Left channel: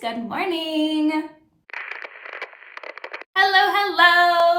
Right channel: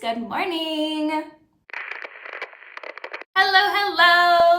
Good morning.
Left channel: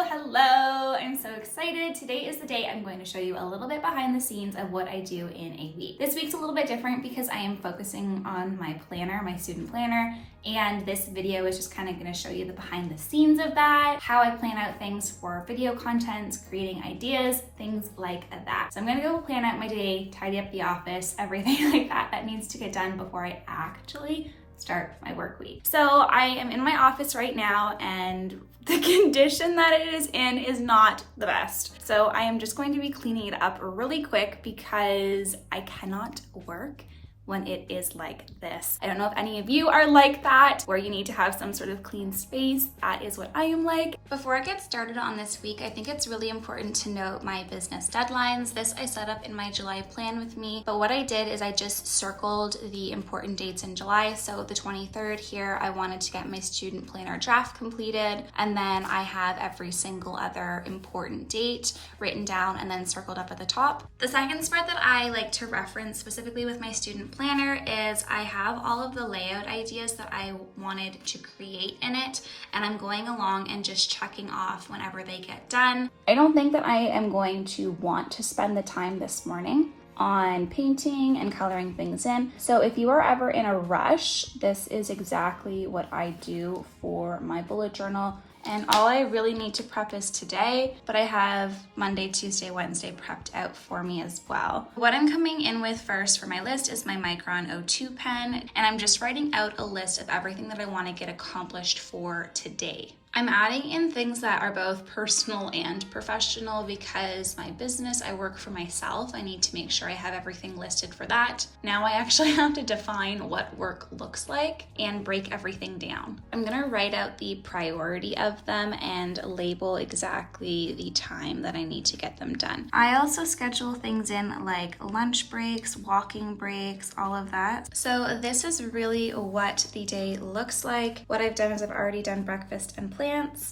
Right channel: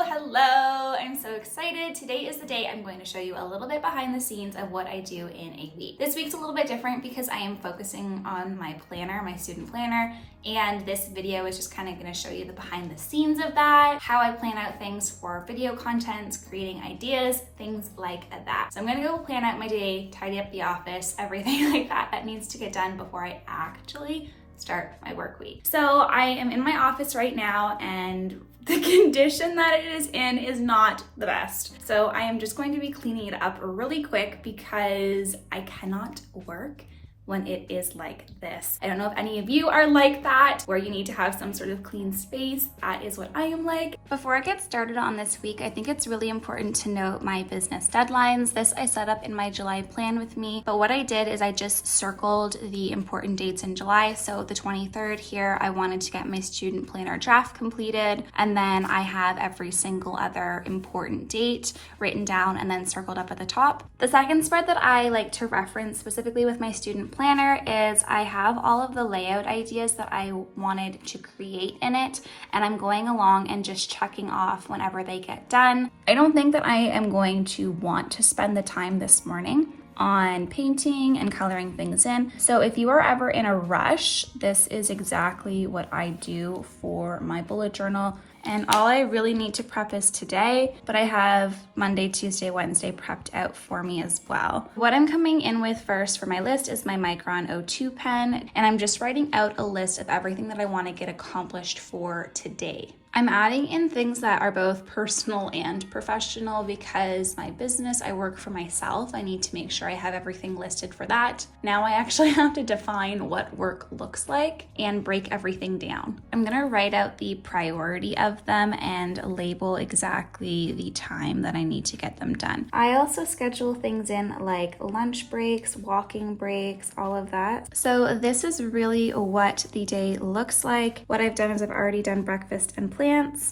Hello. I'm so excited. Today is the day I'm going to show you a little bit behind the scenes of what I do in a week. This week's a little bit different because I am focusing on my planner, my student planner, and this video is just kind of going to show you the behind the scenes of that, how I plan out things for video content, creating ideas, things like that. So I'm going to go plan out my day, tidy up the office, everything like that needs to get done before I actually start my work week. So I am in my office right now, and the condition that it is in is not the best. So I am just going to be cleaning it up really quick because I cannot work when it is like this. I don't know if any of you are like that, where you need to have some sort of clean space. That is what I am like. Before I get started on this week, I think it's really important to note my business deadlines. This I set up in my July plan with me, but what I did is I just circled the important dates in July. So the 23rd here, I wanted to get my student planner draft completed, and then I have every single other important date written down and then circled up at the top. The second spread that I like to reference specifically with my student planner is I have all of the layout ideas that I wanted to create in it, and I'm going along and just checking off whenever they get done. I don't think that I am going to want to spend the time this morning on painting and coloring things in. So if you are ever in a rush, this is exactly what I do for my bullet journal. And all I really need to prep is today, but I have Monday, Tuesday, Wednesday prepped out for me as well. What I'm coming in with first for my list is my Micron O2 pen, and I'm just writing out a list of everything that I want to get accomplished for today. I'm adding in things that are both personal and professional because my business, I work for myself. I need to make sure I have everything listed for that. Now I actually have to define what work looks like and break everything down. I'm gonna write out the priority of them and label exactly the time that I need to get them done. I also schedule things in like lunch breaks, walking breaks, all of that. So this is really what the day looks like. What I've done is I've already done breakfast and plants,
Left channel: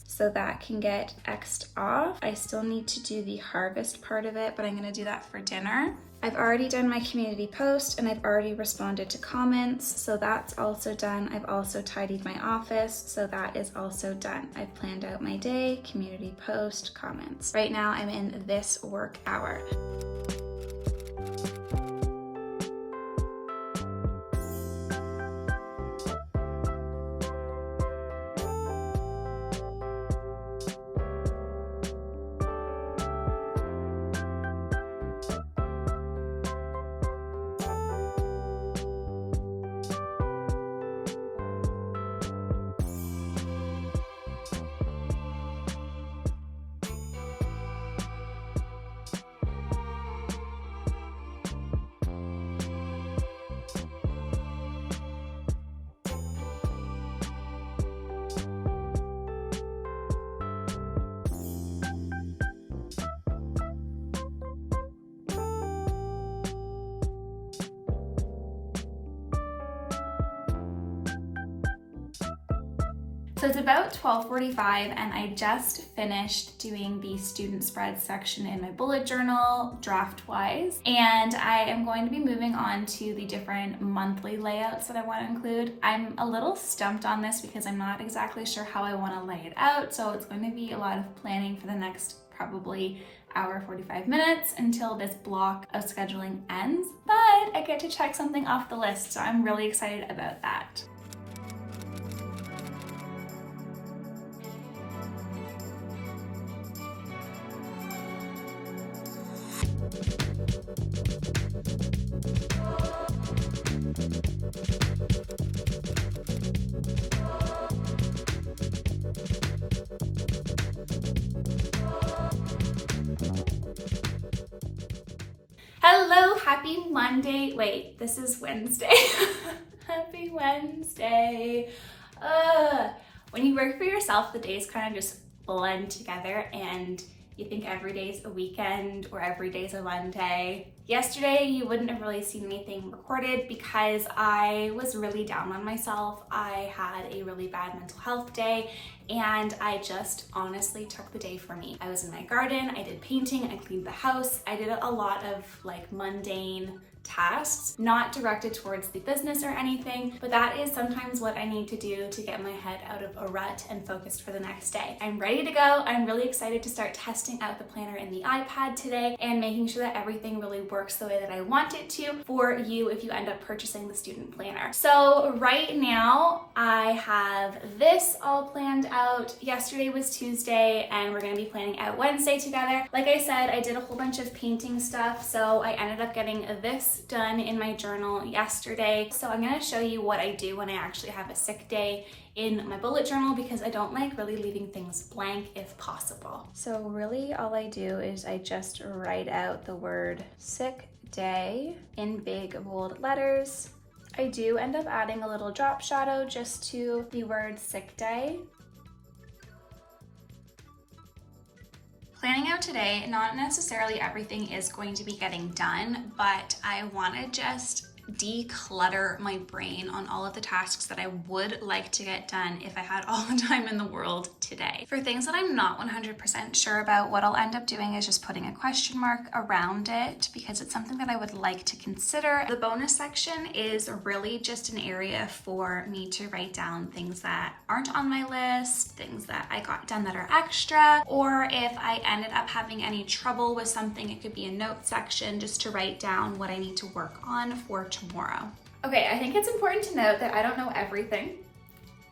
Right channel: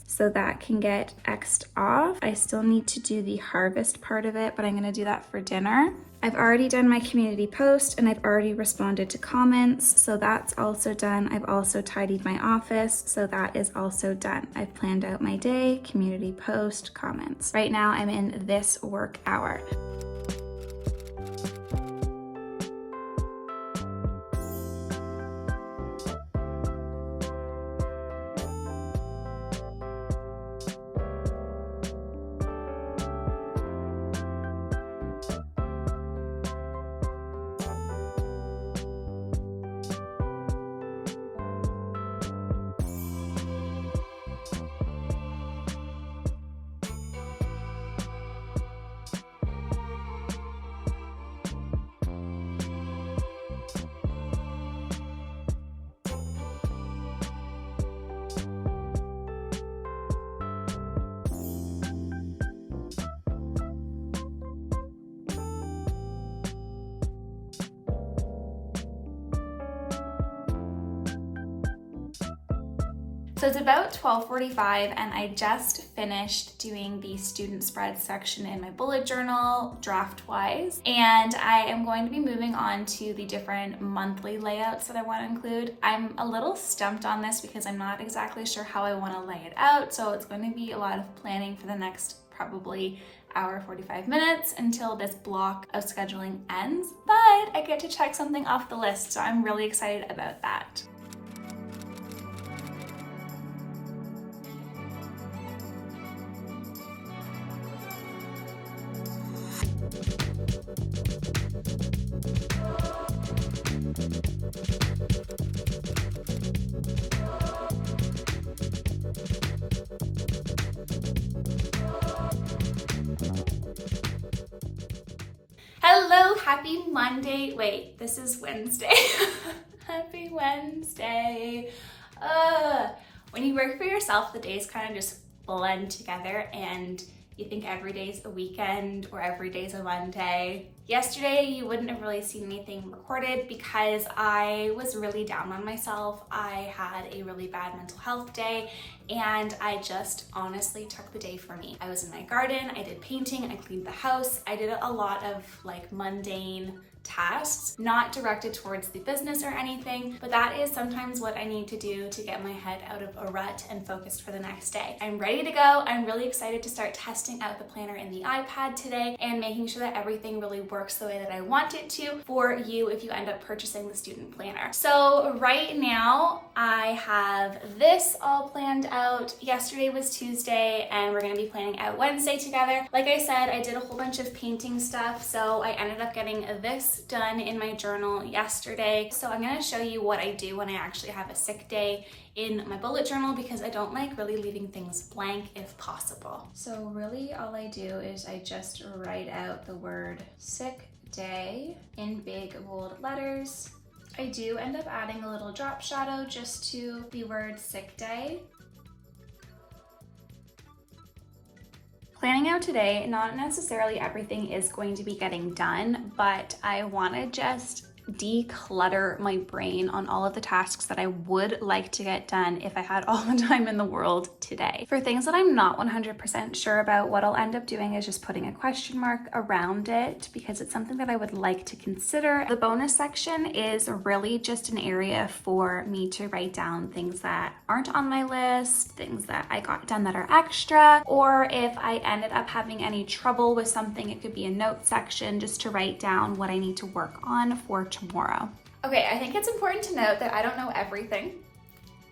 so that can get X'd off. I still need to do the harvest part of it, but I'm gonna do that for dinner. I've already done my community post and I've already responded to comments, so that's also done. I've also tidied my office, so that is also done. I've planned out my day, community post, comments. Right now I'm in this work hour. So it's about 12:45 and I just finished doing the student spread section in my bullet journal draft-wise, and I am going to be moving on to the different monthly layouts that I want to include. I'm a little stumped on this because I'm not exactly sure how I want to lay it out, so it's going to be a lot of planning for the next probably hour 45 minutes until this block of scheduling ends, but I get to check something off the list, so I'm really excited about that. Hello, happy Monday. Wait, this is Wednesday. Happy Wednesday. When you work for yourself, the days kind of just blend together and you think every day's a weekend or every day's a Monday. Yesterday, you wouldn't have really seen anything recorded because I was really down on myself. I had a really bad mental health day and I just honestly took the day for me. I was in my garden, I did painting, I cleaned the house. I did a lot of like mundane tasks, not directed towards the business or anything, but that is sometimes what I need to do to get my head out of a rut and focused for the next day. I'm ready to go. I'm really excited to start testing out the planner in the iPad today and making sure that everything really works the way that I want it to for you if you end up purchasing the student planner. So right now I have this all planned out. Yesterday was Tuesday and we're gonna be planning out Wednesday together. Like I said, I did a whole bunch of painting stuff, so I ended up getting this done in my journal yesterday. So I'm gonna show you what I do when I actually have a sick day in my bullet journal, because I don't like really leaving things blank if possible. So really all I do is I just write out the word sick day in big bold letters. I do end up adding a little drop shadow just to the word sick day. Planning out today, not necessarily everything is going to be getting done, but I want to just declutter my brain on all of the tasks that I would like to get done if I had all the time in the world today. For things that I'm not 100% sure about, what I'll end up doing is just putting a question mark around it because it's something that I would like to consider. The bonus section is really just an area for me to write down things that aren't on my list, things that I got done that are extra, or if I ended up having any trouble with something, it could be a note section just to write down what I need to work on for tomorrow. Okay, I think it's important to note that I don't know everything.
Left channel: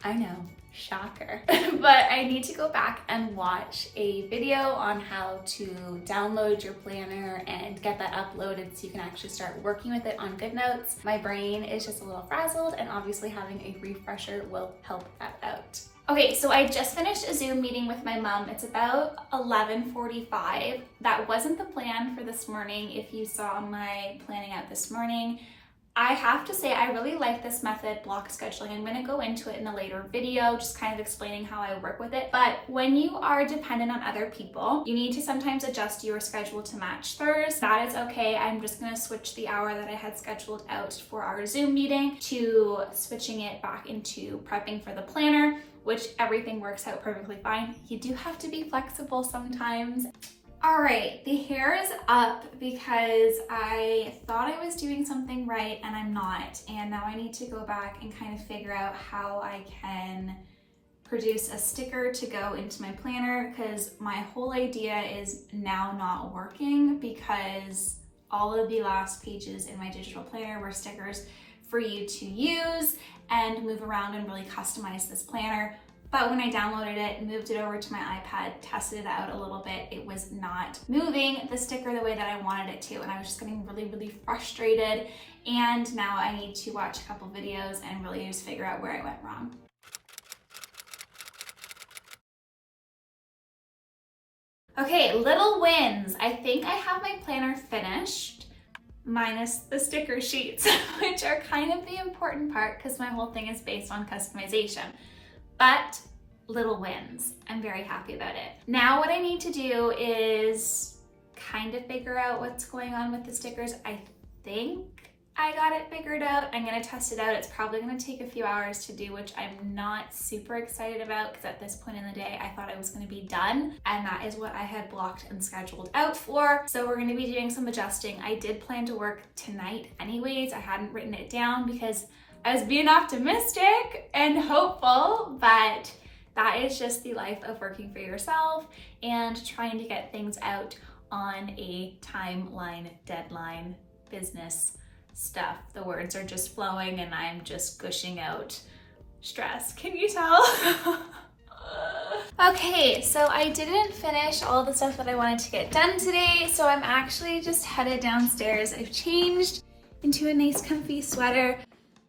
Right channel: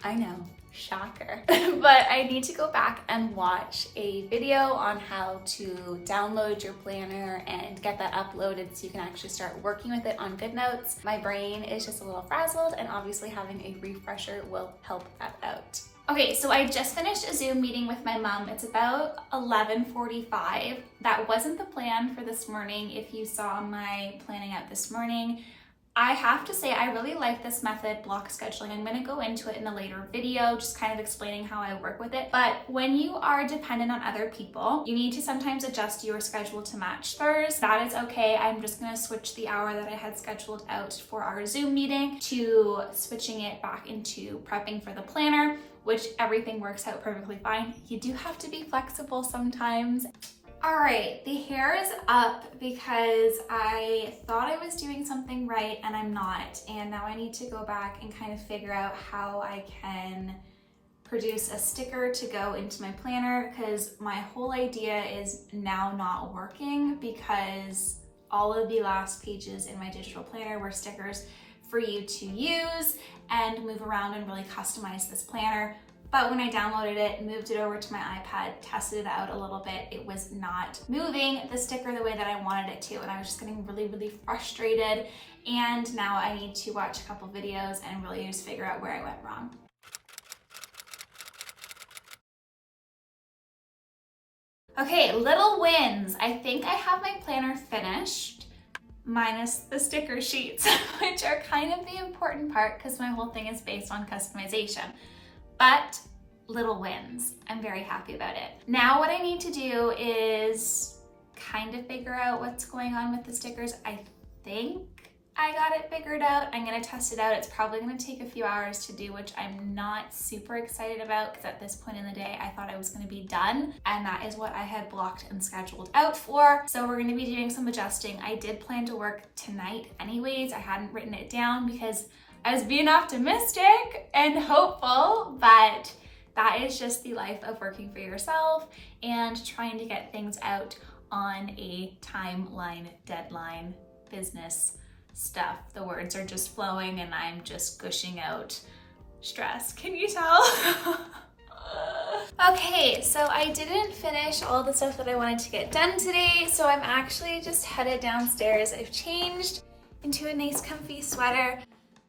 I know, shocker. But I need to go back and watch a video on how to download your planner and get that uploaded so you can actually start working with it on GoodNotes. My brain is just a little frazzled, and obviously having a refresher will help that out. Okay, so I just finished a Zoom meeting with my mom. It's about 11:45. That wasn't the plan for this morning. If you saw my planning out this morning, I have to say I really like this method, block scheduling. I'm going to go into it in a later video, just kind of explaining how I work with it. But when you are dependent on other people, you need to sometimes adjust your schedule to match theirs. That is okay. I'm just going to switch the hour that I had scheduled out for our Zoom meeting to switching it back into prepping for the planner, which everything works out perfectly fine. You do have to be flexible sometimes. All right, the hair is up because I thought I was doing something right and I'm not. And now I need to go back and kind of figure out how I can produce a sticker to go into my planner, because my whole idea is now not working because all of the last pages in my digital planner were stickers for you to use and move around and really customize this planner. But when I downloaded it, moved it over to my iPad, tested it out a little bit, it was not moving the sticker the way that I wanted it to. And I was just getting really, really frustrated. And now I need to watch a couple videos and really just figure out where I went wrong. Okay, little wins. I think I have my planner finished, minus the sticker sheets, which are kind of the important part because my whole thing is based on customization. But little wins. I'm very happy about it. Now what I need to do is kind of figure out what's going on with the stickers. I think I got it figured out. I'm gonna test it out. It's probably gonna take a few hours to do, which I'm not super excited about because at this point in the day, I thought I was gonna be done, and that is what I had blocked and scheduled out for. So we're gonna be doing some adjusting. I did plan to work tonight anyways. I hadn't written it down because I was being optimistic and hopeful, but that is just the life of working for yourself and trying to get things out on a timeline, deadline, business stuff. The words are just flowing and I'm just gushing out stress. Can you tell? Okay, so I didn't finish all the stuff that I wanted to get done today, so I'm actually just headed downstairs. I've changed into a nice comfy sweater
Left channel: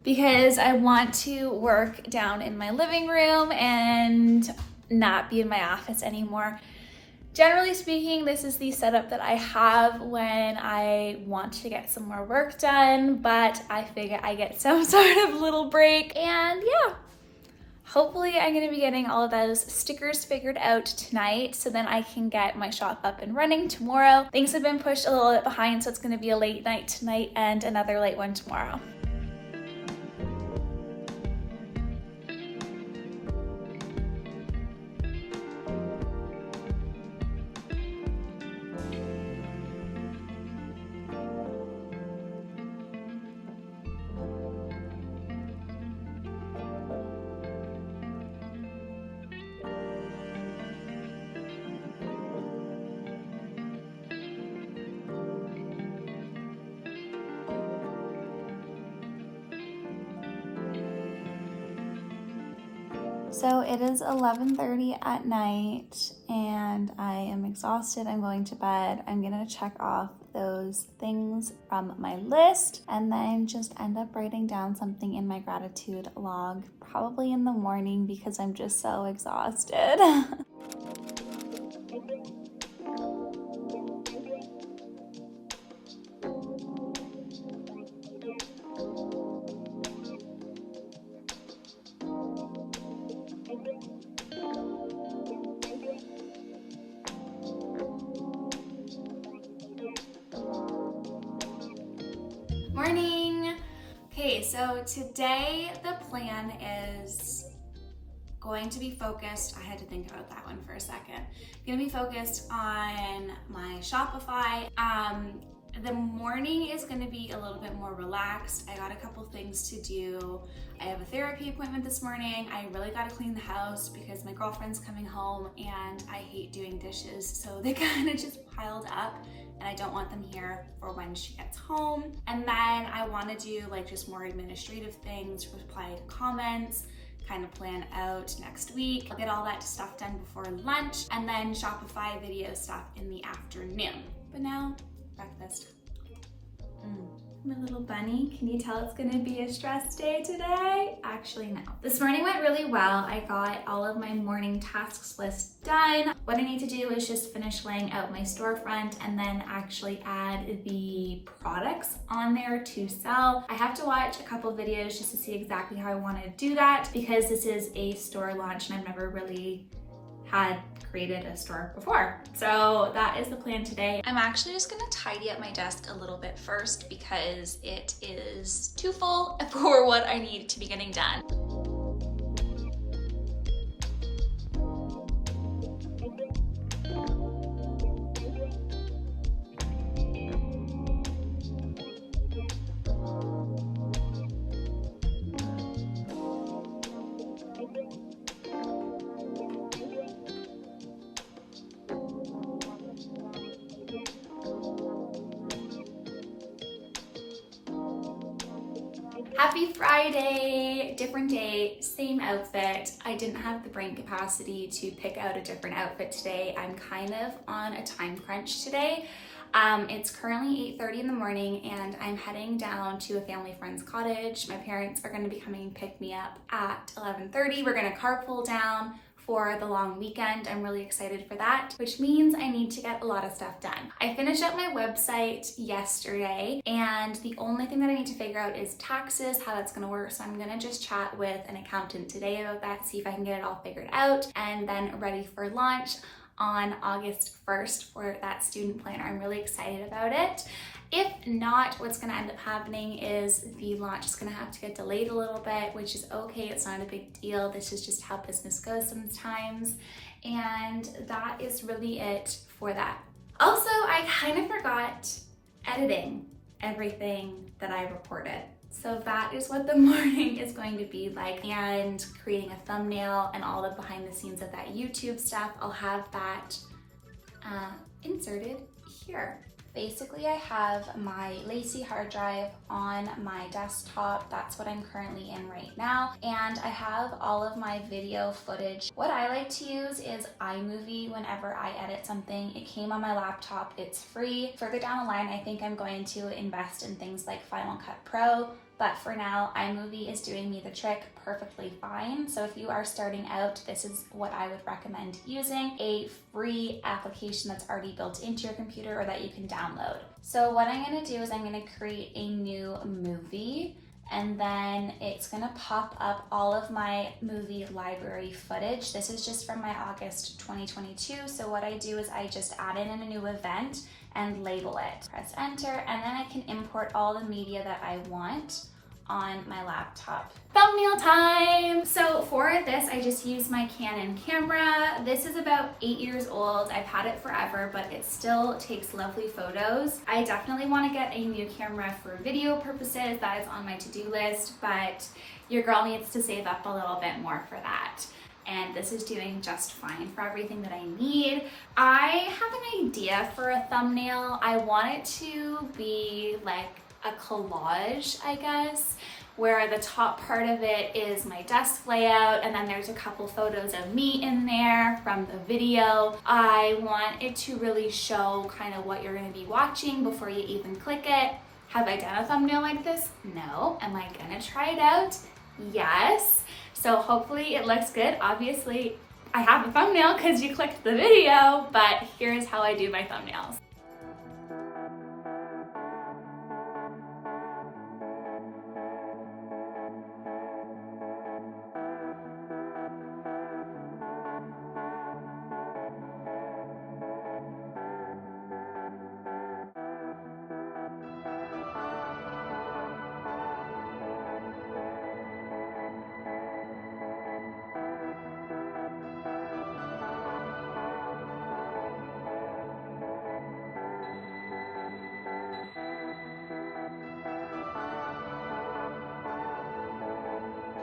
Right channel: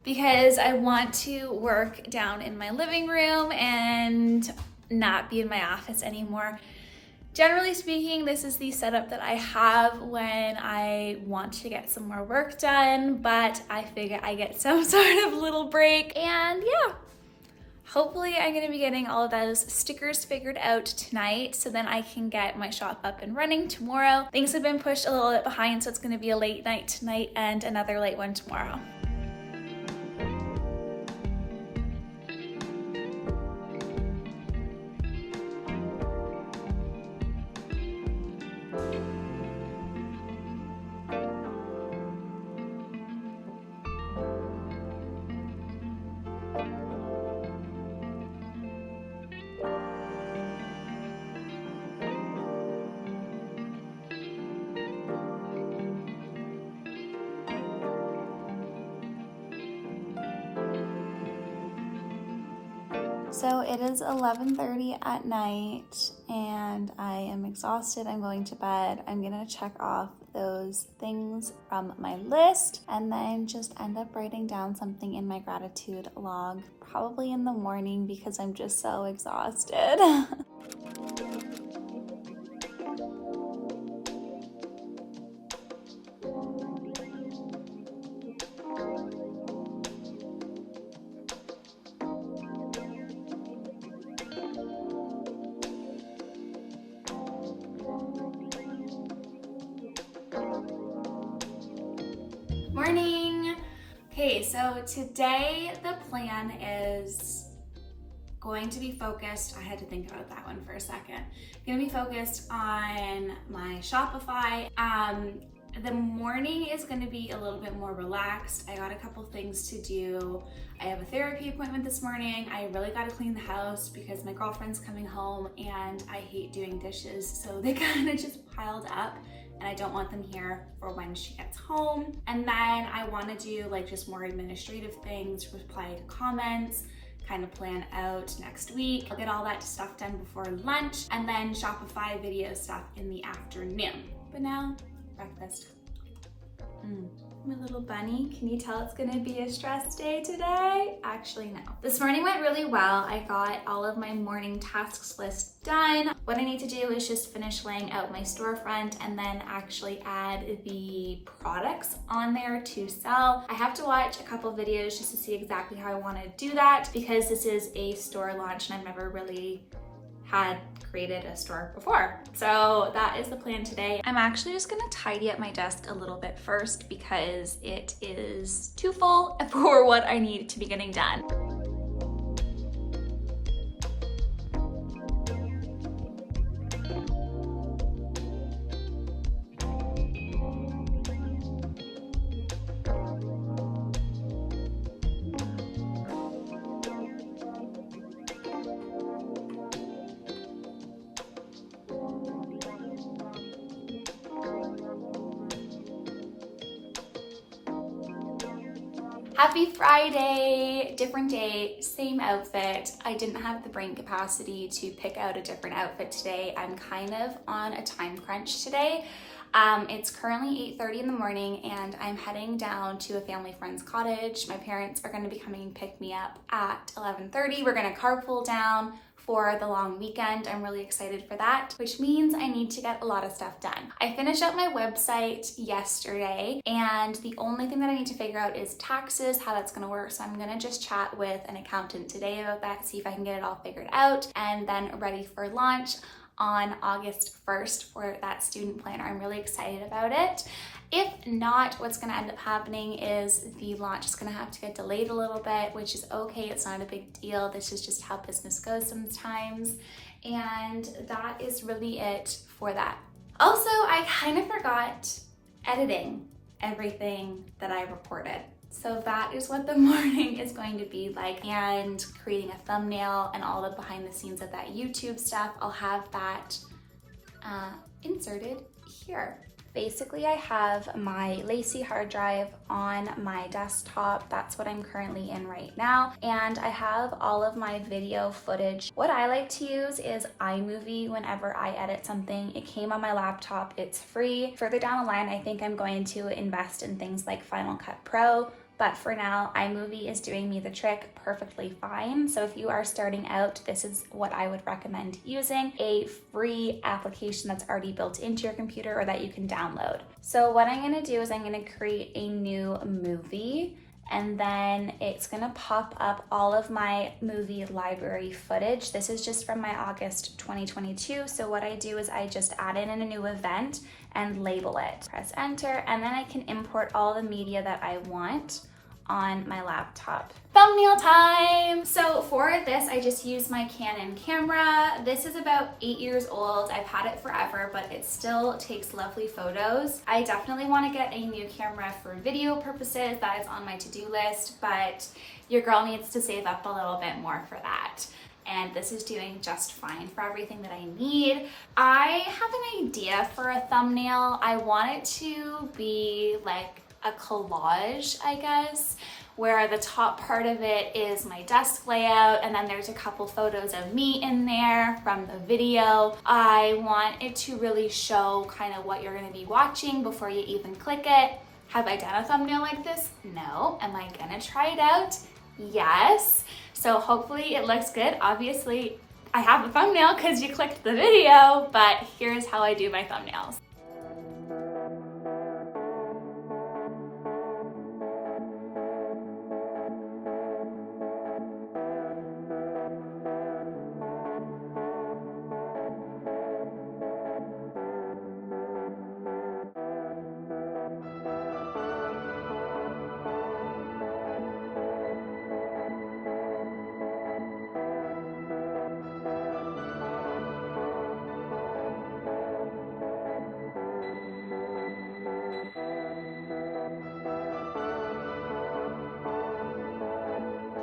because I want to work down in my living room and not be in my office anymore. Generally speaking, this is the setup that I have when I want to get some more work done, but I figure I get some sort of little break, and yeah. Hopefully I'm gonna be getting all of those stickers figured out tonight so then I can get my shop up and running tomorrow. Things have been pushed a little bit behind, so it's gonna be a late night tonight and another late one tomorrow. So it is 11:30 at night and I am exhausted. I'm going to bed. I'm gonna check off those things from my list and then just end up writing down something in my gratitude log, probably in the morning because I'm just so exhausted. Morning! Okay, so today the plan is going to be focused, I had to think about that one for a second. Gonna be focused on my Shopify. The morning is gonna be a little bit more relaxed. I got a couple things to do. I have a therapy appointment this morning. I really gotta clean the house because my girlfriend's coming home and I hate doing dishes, so they kind of just piled up. And I don't want them here for when she gets home. And then I want to do like just more administrative things, reply to comments, kind of plan out next week. I'll get all that stuff done before lunch and then Shopify video stuff in the afternoon. But now, breakfast. My little bunny, can you tell it's gonna be a stress day today? Actually, no. This morning went really well. I got all of my morning tasks list done. What I need to do is just finish laying out my storefront and then actually add the products on there to sell. I have to watch a couple videos just to see exactly how I want to do that because this is a store launch and I've never really had created a store before. So that is the plan today. I'm actually just gonna tidy up my desk a little bit first because it is too full for what I need to be getting done. Happy Friday, different day, same outfit. I didn't have the brain capacity to pick out a different outfit today. I'm kind of on a time crunch today. It's currently 8:30 in the morning and I'm heading down to a family friend's cottage. My parents are gonna be coming and pick me up at 11:30. We're gonna carpool down for the long weekend. I'm really excited for that, which means I need to get a lot of stuff done. I finished up my website yesterday and the only thing that I need to figure out is taxes, how that's gonna work. So I'm gonna just chat with an accountant today about that, see if I can get it all figured out and then ready for launch on August 1st for that student planner. I'm really excited about it. If not, what's gonna end up happening is the launch is gonna have to get delayed a little bit, which is okay, it's not a big deal. This is just how business goes sometimes. And that is really it for that. Also, I kind of forgot editing everything that I recorded. So that is what the morning is going to be like, and creating a thumbnail and all the behind the scenes of that YouTube stuff. I'll have that inserted here. Basically, I have my Lacy hard drive on my desktop. That's what I'm currently in right now. And I have all of my video footage. What I like to use is iMovie whenever I edit something. It came on my laptop, it's free. Further down the line, I think I'm going to invest in things like Final Cut Pro. But for now, iMovie is doing me the trick perfectly fine. So if you are starting out, this is what I would recommend using, a free application that's already built into your computer or that you can download. So what I'm gonna do is I'm gonna create a new movie and then it's gonna pop up all of my movie library footage. This is just from my August 2022. So what I do is I just add in a new event and label it. Press enter, and then I can import all the media that I want on my laptop. Thumbnail time! So for this, I just used my Canon camera. This is about 8 years old. I've had it forever, but it still takes lovely photos. I definitely want to get a new camera for video purposes. That is on my to-do list, but your girl needs to save up a little bit more for that. And this is doing just fine for everything that I need. I have an idea for a thumbnail. I want it to be like a collage, I guess, where the top part of it is my desk layout, and then there's a couple photos of me in there from the video. I want it to really show kind of what you're going to be watching before you even click it. Have I done a thumbnail like this? No. Am I gonna try it out? Yes. So hopefully it looks good. Obviously, I have a thumbnail because you clicked the video, but here's how I do my thumbnails.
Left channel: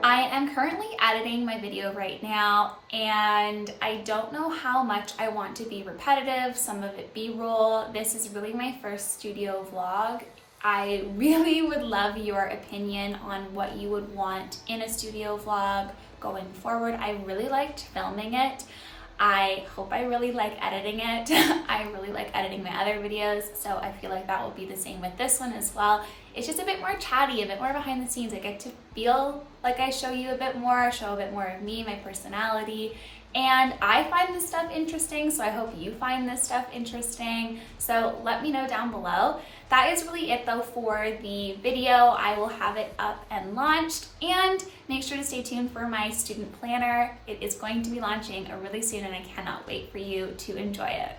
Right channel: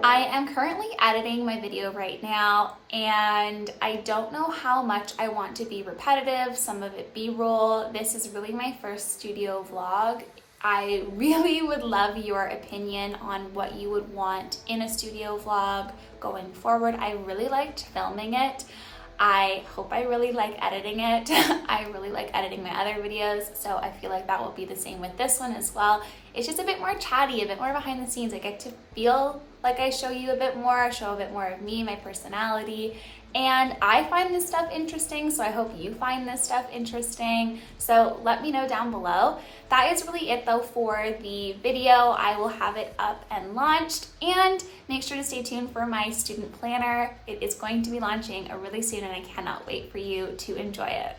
I am currently editing my video right now, and I don't know how much I want to be repetitive, some of it B-roll. This is really my first studio vlog. I really would love your opinion on what you would want in a studio vlog going forward. I really liked filming it. I hope I really like editing it. I really like editing my other videos, so I feel like that will be the same with this one as well. It's just a bit more chatty, a bit more behind the scenes. I get to feel like I show you a bit more, show a bit more of me, my personality, and I find this stuff interesting, so I hope you find this stuff interesting. So let me know down below. That is really it though for the video. I will have it up and launched, and make sure to stay tuned for my student planner. It is going to be launching really soon, and I cannot wait for you to enjoy it.